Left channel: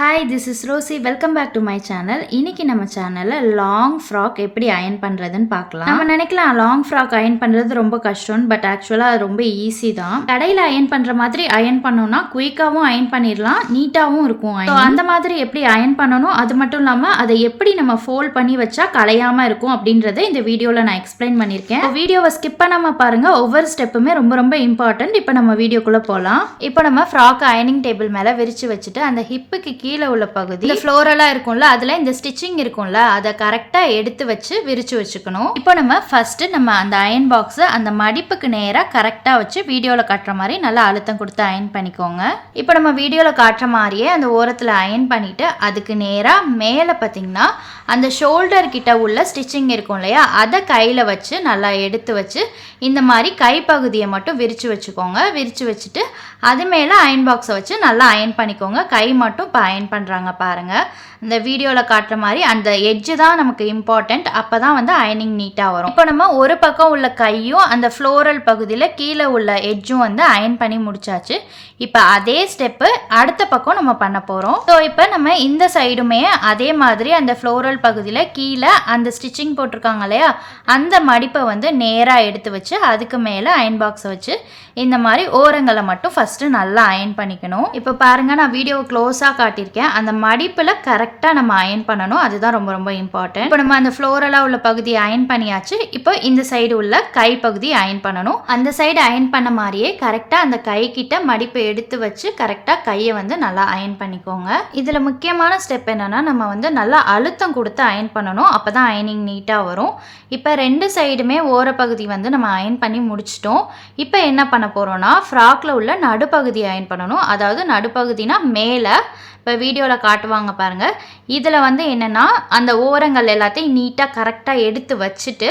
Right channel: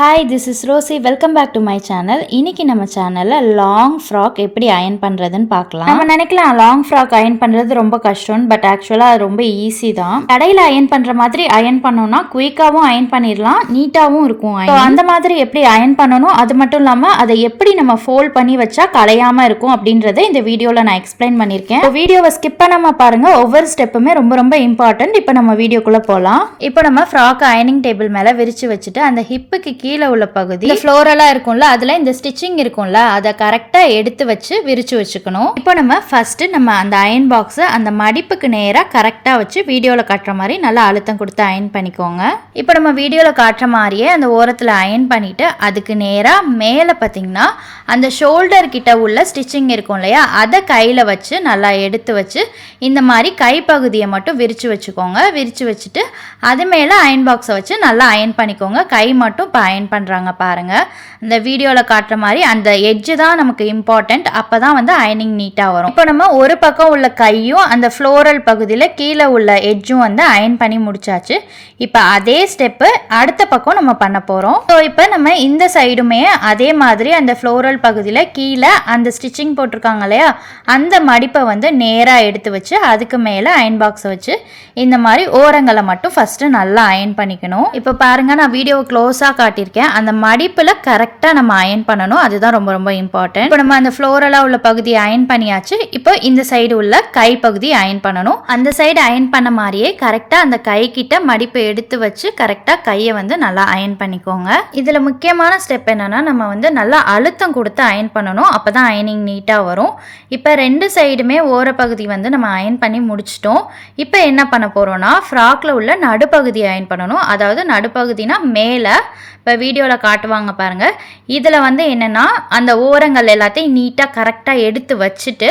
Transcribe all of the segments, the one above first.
Hi this is Rosie. Welcome back to my channel இன்னைக்கு நம்ம சேனலில் லாங் ஃப்ராக் எப்படி அயன் பண்ணுறதுன்னு பார்க்கலாம். நம்ம நினைக்கலாம் லாங் ஃப்ராக் அயன் பண்ணுறது ரொம்ப கஷ்டம் பட் ஆக்சுவலாக அது ரொம்ப ஈஸி தான். கடையில் அயன் பண்ணுற மாதிரி அயன் பண்ணோம்னா குயிக்காகவும் அயன் பண்ணிடலாம் நீட்டாகவும் இருக்கும் So, அந்த மாதிரி எப்படி அயன் பண்ணணும்? அது மட்டும் இல்லாமல் அதை எப்படி நம்ம ஃபோல்ட் பண்ணி வச்சா கலையாமல் இருக்கும் அப்படின்றத இந்த வீடியோவில் நான் எக்ஸ்பிளைன் பண்ணியிருக்கேன். வீடியோவை ஸ்கிப் பண்ணாமல் பாருங்கள் ஒவ்வொரு ஸ்டெப்புமே ரொம்ப ரொம்ப இம்பார்ட்டன்ட் இப்போ நம்ம வீடியோக்குள்ளே போகலாம் இப்போ நம்ம ஃப்ராக் அயனிங் டேபிள் மேலே விரிச்சு வச்சுட்டு அந்த ஹிப்புக்கு கீழே உள்ள பகுதி இந்த ஃப்ளோரலாக இருக்கும்ல அதில் இந்த ஸ்டிச்சிங் இருக்கும்ல அதை கரெக்டாக எடுத்து வச்சு விரிச்சு வச்சுக்கணும். இப்போ நம்ம ஃபர்ஸ்ட் நம்ம அந்த அயன் பாக்ஸை அந்த மடிப்புக்கு நேராக கரெக்டாக வச்சு வீடியோவில் காட்டுற மாதிரி நல்லா அழுத்தம் கொடுத்து அயன் பண்ணிக்கோங்க. இப்போ நம்ம வீடியோவில் காட்டுற மாதிரியே அந்த ஓரத்தில் அயன் பண்ணிவிட்டு அதுக்கு நேராக மேலே பார்த்தீங்கன்னா அந்த ஷோல்டர் கிட்ட உள்ள ஸ்டிச்சிங் இருக்கும் இல்லையா? அதை கையில் வச்சு நல்லா எடுத்து வச்சு இந்த மாதிரி கைப்பகுதியை மட்டும் விரித்து வச்சுக்கோங்க. விரித்து வச்சுட்டு அது மேலே அயன் பாக்ஸை வச்சு நல்லா அயன் பண்ணிக்கோங்க. கை மட்டும் இப்போ அயன் பண்ணுறாங்க பாருங்கள் இந்த வீடியோவில் காட்டுற மாதிரி அந்த எட்ஜு தான் நமக்கு இம்பார்ட்டண்ட் அப்போ தான் வந்து அயனிங் நீட்டாக வரும். இப்போ நம்ம ஒரு பக்கம் உள்ள கையும் அந்த ஃப்ளோரல் பகுதியில் கீழே உள்ள எட்ஜும் வந்து அயன் பண்ணி முடிச்சாச்சு. இப்போ அதே ஸ்டெப்பு அடுத்த பக்கம் நம்ம பண்ண போகிறோம் ஸோ இப்போ நம்ம இந்த சைடுமே அதே மாதிரி அந்த ஃப்ளோரல் பகுதியில் கீழே அந்த ஸ்டிச்சிங் போட்டிருக்காங்க இல்லையா? அந்த மடிப்பை வந்து நேராக எடுத்து வச்சு அதுக்கு மேலே அயன் பாக்ஸை வச்சு இந்த மாதிரி ஓரங்களை மட்டும் ஃபஸ்ட்டு நல்லா அயன் பண்ணிக்கணும். இப்போ பாருங்கள் நான் வீடியோவை க்ளோஸாக காட்டியிருக்கேன். அந்த மடிப்பில் கரெக்டாக நம்ம அயன் பண்ணணும். அதுதான் ரொம்ப ரொம்ப இம்பார்ட்டன்ட் இப்போ நம்ம அந்த ஃப்ளோரலாக உள்ள பகுதியை அயன் பண்ணியாச்சு. இப்போ இந்த சைடு உள்ள கை பகுதி அயன் பண்ணணும். அந்த சைடு அயன் பண்ண மாதிரியே கரெக்டாக அந்த கை கிட்ட மடிப்பை எடுத்து வச்சு கரெக்டாக கையை வந்து நல்லா அயன் பண்ணிக்கோங்க. இதில் முக்கியமான ஸ்டெப் என்னன்னா நம்ம வந்து நல்லா அழுத்தம் கொடுத்து அயன் பண்ணணும். அப்போ தான் அயனிங் நீட்டாக வரும். இப்போ ரெண்டு சைடுமே ஓரப்பகுதி வந்து நம்ம அயன் பண்ணி முடிச்சிட்டோம். இப்போ என்ன பண்ண போகிறோன்னா ஃப்ராக்கில் உள்ள நடுப்பகுதி அயன் பண்ணணும். அதாவது நடுப்பகுதினா மேலே. இப்போ வீடியோவில் காட்டுவாங்க பாருங்கள் இதில் வந்து என்னென்னா அந்த ஓரங்கள் எல்லாத்தையும் நீட்டாக கரெக்டாக எடுத்து வச்சுட்டு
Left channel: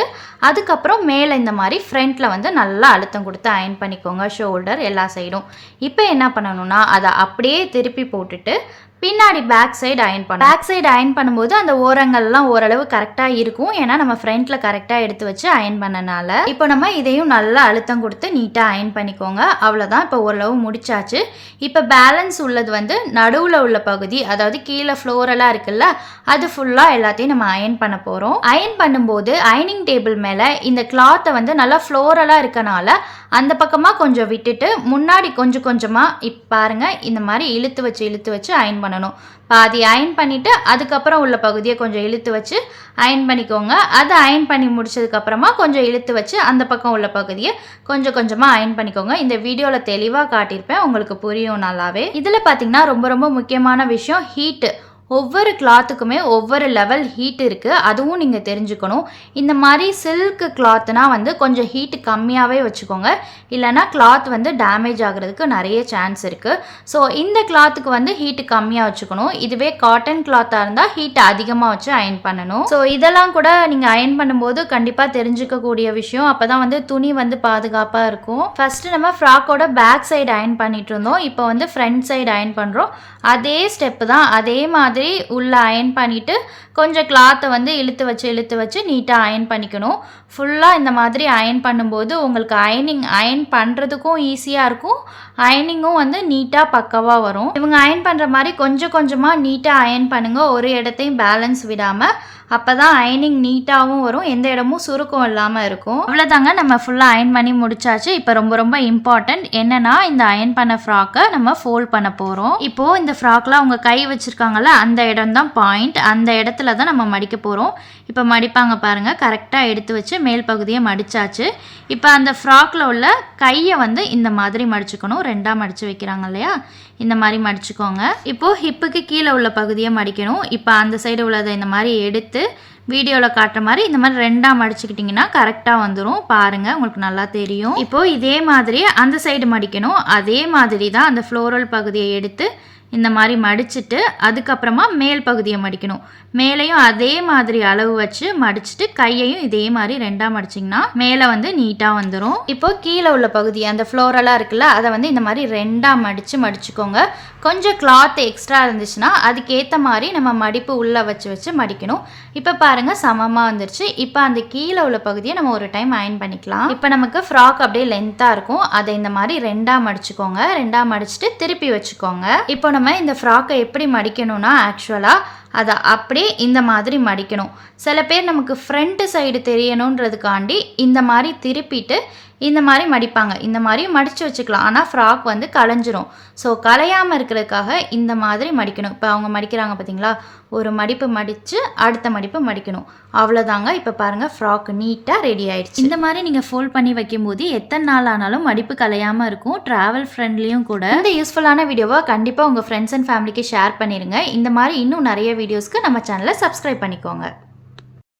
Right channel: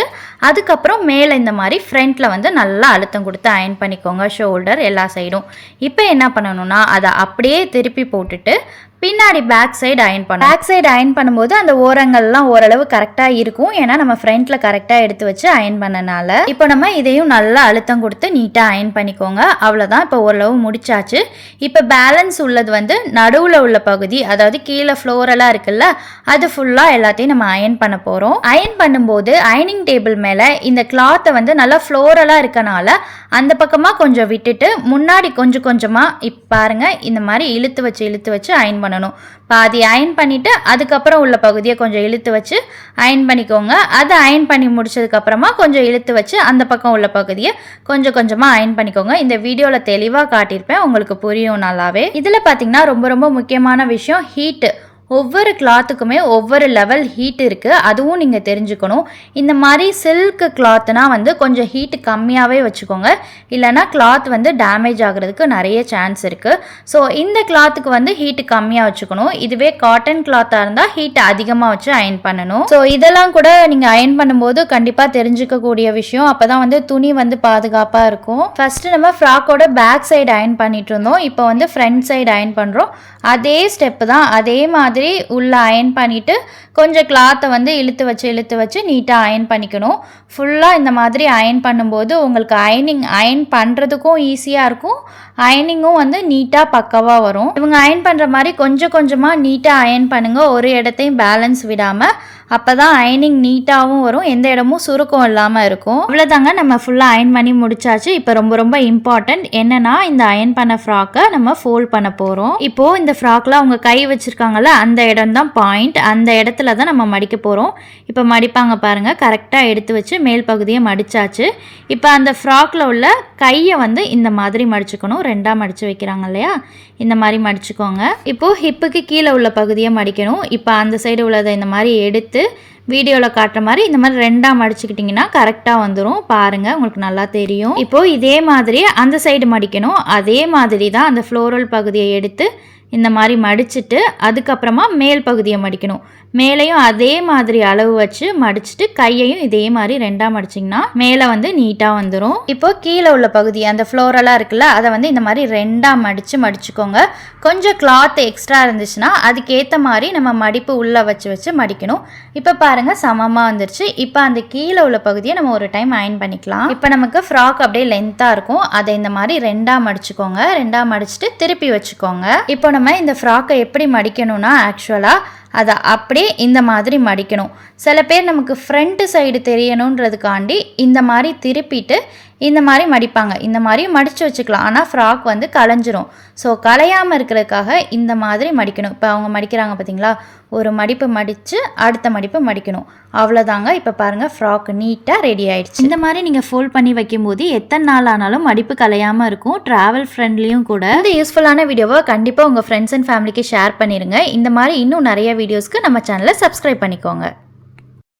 அதுக்கப்புறம் மேலே இந்த மாதிரி ஃப்ரண்ட்டில் வந்து நல்லா அழுத்தம் கொடுத்து அயன் பண்ணிக்கோங்க. ஷோல்டர் எல்லா சைடும் இப்போ என்ன பண்ணணும்னா அதை அப்படியே திருப்பி போட்டுட்டு பின்னாடி பேக் சைடு அயன் பண்ணணும். பேக் சைடு அயன் பண்ணும்போது அந்த ஓரங்கள்லாம் ஓரளவு கரெக்டாக இருக்கும். ஏன்னா நம்ம ஃப்ரண்ட்டில் கரெக்டாக எடுத்து வச்சு அயன் பண்ணனால. இப்போ நம்ம இதையும் நல்லா அழுத்தம் கொடுத்து நீட்டாக அயன் பண்ணிக்கோங்க. அவ்வளோதான் இப்போ ஓரளவு முடிச்சாச்சு. இப்போ பேலன்ஸ் உள்ளது வந்து நடுவில் உள்ள பகுதி அதாவது கீழே ஃப்ளோரலாக இருக்குல்ல அது ஃபுல்லாக எல்லாத்தையும் நம்ம அயன் பண்ண போகிறோம் அயன் பண்ணும்போது அயனிங் டேபிள் மேலே இந்த கிளாத்தை வந்து நல்லா ஃப்ளோரலாக இருக்கனால அந்த பக்கமாக கொஞ்சம் விட்டுட்டு முன்னாடி கொஞ்சம் கொஞ்சமாக இப்போ பாருங்கள் இந்த மாதிரி இழுத்து வச்சு இழுத்து வச்சு அயன் பண்ணணும். பாதி அயன் பண்ணிவிட்டு அதுக்கப்புறம் உள்ள பகுதியை கொஞ்சம் இழுத்து வச்சு அயன் பண்ணிக்கோங்க. அதை அயன் பண்ணி முடிச்சதுக்கப்புறமா கொஞ்சம் இழுத்து வச்சு அந்த பக்கம் உள்ள பகுதியை கொஞ்சம் கொஞ்சமாக அயன் பண்ணிக்கோங்க. இந்த வீடியோவில் தெளிவாக காட்டியிருப்பேன். உங்களுக்கு புரியும் நல்லாவே. இதில் பார்த்தீங்கன்னா ரொம்ப ரொம்ப முக்கியமான விஷயம் ஹீட்டு ஒவ்வொரு கிளாத்துக்குமே ஒவ்வொரு லெவல் ஹீட் இருக்குது அதுவும் நீங்கள் தெரிஞ்சுக்கணும். இந்த மாதிரி சில்க் கிளாத்னா வந்து கொஞ்சம் ஹீட் கம்மியாகவே வச்சுக்கோங்க. இல்லைனா கிளாத் வந்து டேமேஜ் ஆகிறதுக்கு நிறைய சான்ஸ் இருக்குது ஸோ இந்த கிளாத்துக்கு வந்து ஹீட் கம்மியாக வச்சுக்கணும். இதுவே காட்டன் கிளாத்தாக இருந்தால் ஹீட் அதிகமாக வச்சு அயன் பண்ணணும். ஸோ இதெல்லாம் கூட நீங்கள் அயன் பண்ணும்போது கண்டிப்பாக தெரிஞ்சுக்கக்கூடிய விஷயம். அப்போ தான் வந்து துணி வந்து பாதுகாப்பாக இருக்கும். ஃபஸ்ட்டு நம்ம ஃப்ராக்கோட பேக் சைடு அயன் பண்ணிட்டு இருந்தோம். இப்போ வந்து ஃப்ரண்ட் சைடு அயன் பண்ணுறோம் அதே ஸ்டெப்பு தான். அதே மாதிரி உள்ளே அயன் பண்ணிவிட்டு கொஞ்சம் கிளாத்தை வந்து இழுத்து வச்சு இழுத்து வச்சு நீட்டாக அயன் பண்ணிக்கணும். ஃபுல்லாக இந்த மாதிரி அயன் பண்ணும்போது உங்களுக்கு அயனிங் அயன் பண்ணுறதுக்கும் ஈஸியாக இருக்கும். அயனிங்கும் வந்து நீட்டாக பக்கவாக வரும். இவங்க அயன் பண்ணுற மாதிரி கொஞ்சம் கொஞ்சமாக நீட்டாக அயன் பண்ணுங்கள் ஒரு இடத்தையும் பேலன்ஸ் விடாமல் அப்போ தான் அயனிங் நீட்டாகவும் வரும் எந்த இடமும் சுருக்கம் இல்லாமல் இருக்கும். அவ்வளோதாங்க நம்ம ஃபுல்லாக அயன் பண்ணி முடிச்சாச்சு. இப்போ ரொம்ப ரொம்ப இம்பார்ட்டண்ட் என்னன்னா இந்த அயன் பண்ண ஃப்ராக்கை நம்ம ஃபோல்ட் பண்ண போகிறோம் இப்போது இந்த ஃப்ராக்கில் அவங்க கை வச்சுருக்காங்கல்ல அந்த இடம் தான் பாயிண்ட் அந்த இடத்துல தான் நம்ம மடிக்க போகிறோம் இப்போ மடிப்பாங்க பாருங்கள் கரெக்டாக எடுத்து வச்சு மேல் பகுதியை மடிச்சாச்சு. இப்போ அந்த ஃப்ராக்கில் உள்ள கையை வந்து இந்த மாதிரி மடிச்சுக்கணும். ரெண்டாக மடித்து வைக்கிறாங்க இல்லையா? இந்த மாதிரி மடிச்சுக்கோங்க. இப்போது ஹிப்புக்கு கீழே உள்ள பகுதியை மடிக்கணும். இப்போ அந்த சைடு உள்ளதை இந்த மாதிரி எடுத்து வீடியோவில் காட்டுற மாதிரி இந்த மாதிரி ரெண்டாக மடிச்சுக்கிட்டிங்கன்னா கரெக்டாக வந்துடும் பாருங்கள் உங்களுக்கு நல்லா தெரியும். இப்போது இதே மாதிரி அந்த சைடு மடிக்கணும். அதே மாதிரி தான் அந்த ஃப்ளோரல் பகுதியை எடுத்து இந்த மாதிரி மடிச்சுட்டு அதுக்கப்புறமா மேல் பகுதியை மடிக்கணும். மேலேயும் அதே மாதிரி அளவு வச்சு மடிச்சுட்டு கையையும் இதே மாதிரி ரெண்டாக மடிச்சிங்கன்னா மேலே வந்து நீட்டாக வந்துடும் இப்போ கீழே உள்ள பகுதி அந்த ஃப்ளோரெல்லாம் இருக்குல்ல அதை வந்து இந்த மாதிரி ரெண்டாக மடித்து மடிச்சுக்கோங்க. கொஞ்சம் கிளாத் எக்ஸ்ட்ரா இருந்துச்சுன்னா அதுக்கேற்ற மாதிரி நம்ம மடிப்பு உள்ளே வச்சு வச்சு மடிக்கணும். இப்போ பாருங்கள் சமமாக வந்துருச்சு. இப்போ அந்த கீழே உள்ள பகுதியை நம்ம ஒரு டைம் அயன் பண்ணிக்கலாம். இப்போ நமக்கு ஃப்ராக் அப்படியே லென்த்தாக இருக்கும். அதை இந்த மாதிரி ரெண்டாக மடிச்சுக்கோங்க. ரெண்டாக மடிச்சுட்டு திருப்பி வச்சுக்கோங்க. இப்போ நம்ம இந்த ஃப்ராக்கை எப்படி மடிக்கணும்னா ஆக்சுவலாக அதை அப்படியே இந்த மாதிரி மடிக்கணும். சில பேர் நமக்கு ஃப்ரண்ட்டு சைடு தெரியணுன்றதுக்காண்டி இந்த மாதிரி திருப்பிட்டு இந்த மாதிரி மடிப்பாங்க. இந்த மாதிரி மடித்து வச்சுக்கலாம். ஆனால் ஃப்ராக் வந்து களைஞ்சிரும். ஸோ கலையாமல் இருக்கிறதுக்காக இந்த மாதிரி மடிக்கணும். இப்போ அவங்க மடிக்கிறாங்க பார்த்தீங்களா ஒரு மடிப்பு மடித்து அடுத்த மடிப்பு மடிக்கணும். அவ்வளோதாங்க இப்போ பாருங்கள் ஃப்ராக் நீட்டாக ரெடி ஆயிடுச்சு. இந்த மாதிரி நீங்கள் ஃபோல்ட் பண்ணி வைக்கும்போது எத்தனை நாள் ஆனாலும் மடிப்பு கலையாமல் இருக்கும். ட்ராவல் ஃப்ரெண்ட்லியும் கூட. இந்த யூஸ்ஃபுல்லான வீடியோவை கண்டிப்பாக உங்கள் ஃப்ரெண்ட்ஸ் அண்ட் ஃபேமிலிக்கு ஷேர் பண்ணிடுங்க இந்த மாதிரி இன்னும் நிறைய வீடியோஸ்க்கு நம்ம சேனலை சப்ஸ்கிரைப் பண்ணிக்கோங்க.